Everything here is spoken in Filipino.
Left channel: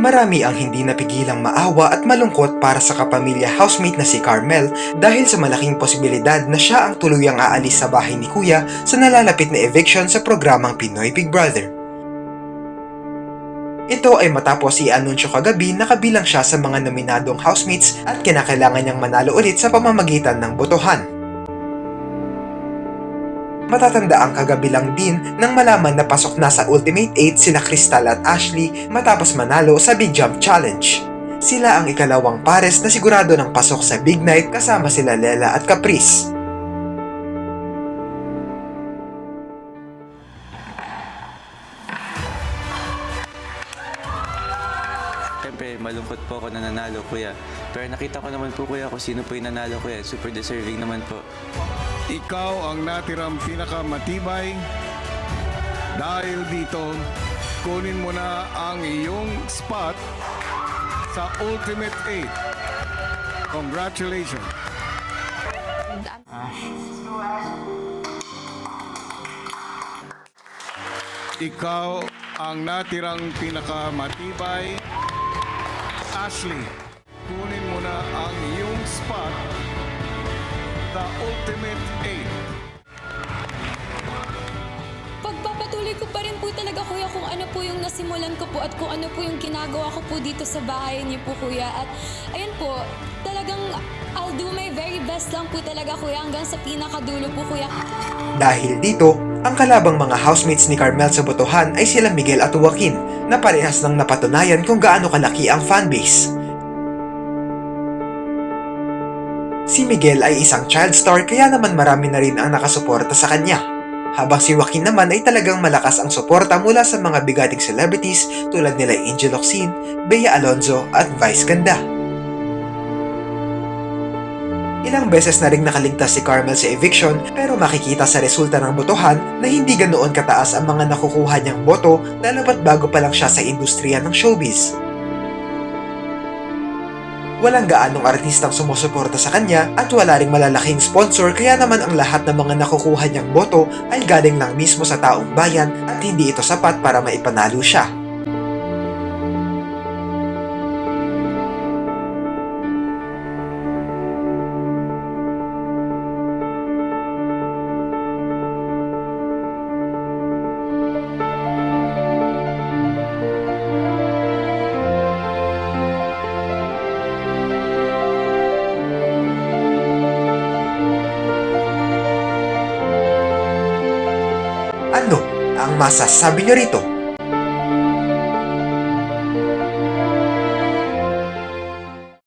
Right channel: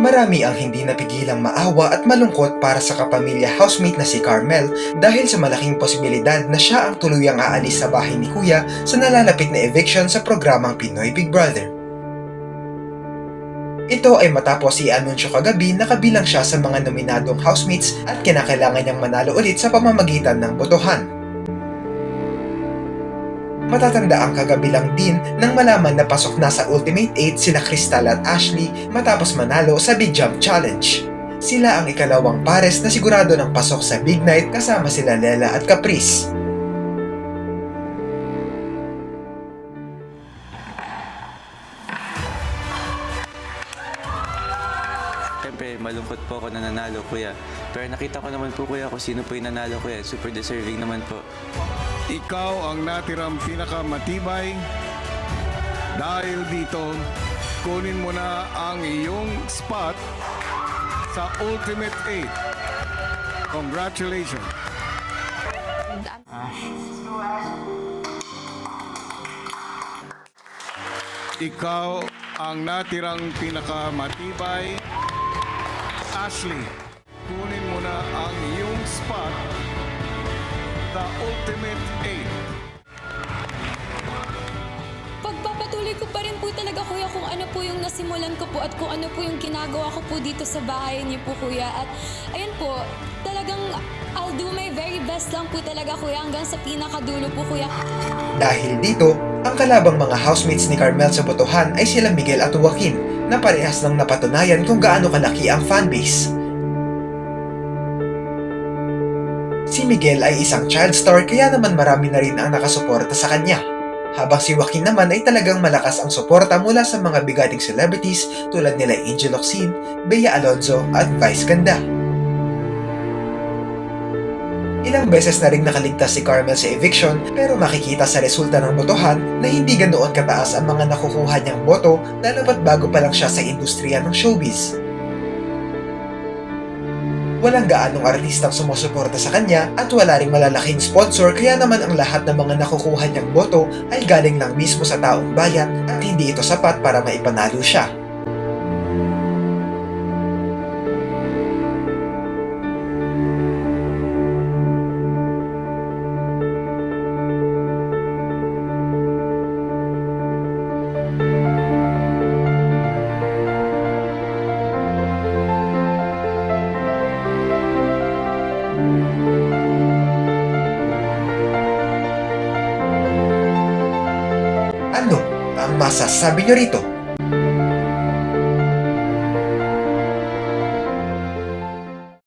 Marami ang hindi napigilang maawa at malungkot para sa kapamilya housemate na si Carmel dahil sa malaking posibilidad na siya ang tuluyang aalis sa bahay ni Kuya sa nalalapit na eviction sa programang Pinoy Big Brother. Ito ay matapos i-anunsyo kagabi na kabilang siya sa mga nominadong housemates at kinakailangan niyang manalo ulit sa pamamagitan ng botohan. Matatanda ang kagabi lang din nang malaman na pasok na sa Ultimate 8 sila Crystal at Ashley matapos manalo sa Big Jump Challenge. Sila ang ikalawang pares na sigurado ng pasok sa Big Night kasama sila Lela at Caprice. Siyempre, malungkot po ako na nanalo, kuya. Pero nakita ko naman po, kuya, kung sino po yung nanalo, kuya. Super deserving naman po. Ikaw ang natirang pinakamatibay. Dahil dito, kunin mo na ang iyong spot sa Ultimate 8. Congratulations! Ikaw ang natirang pinakamatibay. Ashley, kunin mo na ang iyong spot sa Ultimate 8. Pagpapatuloy ko pa rin po talaga, kuya, kung ano po yung nasimulan ko po at kung ano po yung ginagawa ko po dito sa bahay niyo po, kuya. At ayun po, talagang I'll do my very best lang po talaga, kuya, hanggang sa pinakadulo po, kuya. Dahil dito, ang kalabang mga housemates ni Carmel sa botohan ay sila Miguel at Joaquin na parehas nang napatunayan kung gaano kalaki ang fanbase. Si Miguel ay isang child star kaya naman marami na rin ang nakasuporta sa kanya. Habang si Joaquin naman ay talagang malakas ang suporta mula sa mga bigating celebrities tulad nila Angel Locsin, Bea Alonzo at Vice Ganda. Ilang beses na ring nakaligtas si Carmel sa eviction pero makikita sa resulta ng botohan na hindi ganoon kataas ang mga nakukuha niyang boto lalo pat bago pa lang siya sa industriya ng showbiz. Walang gaanong artistang sumusuporta sa kanya at wala ring malalaking sponsor kaya naman ang lahat ng mga nakukuha niyang boto ay galing lang mismo sa taong bayan at hindi ito sapat para maipanalo siya. Ano ang masasabi niyo rito?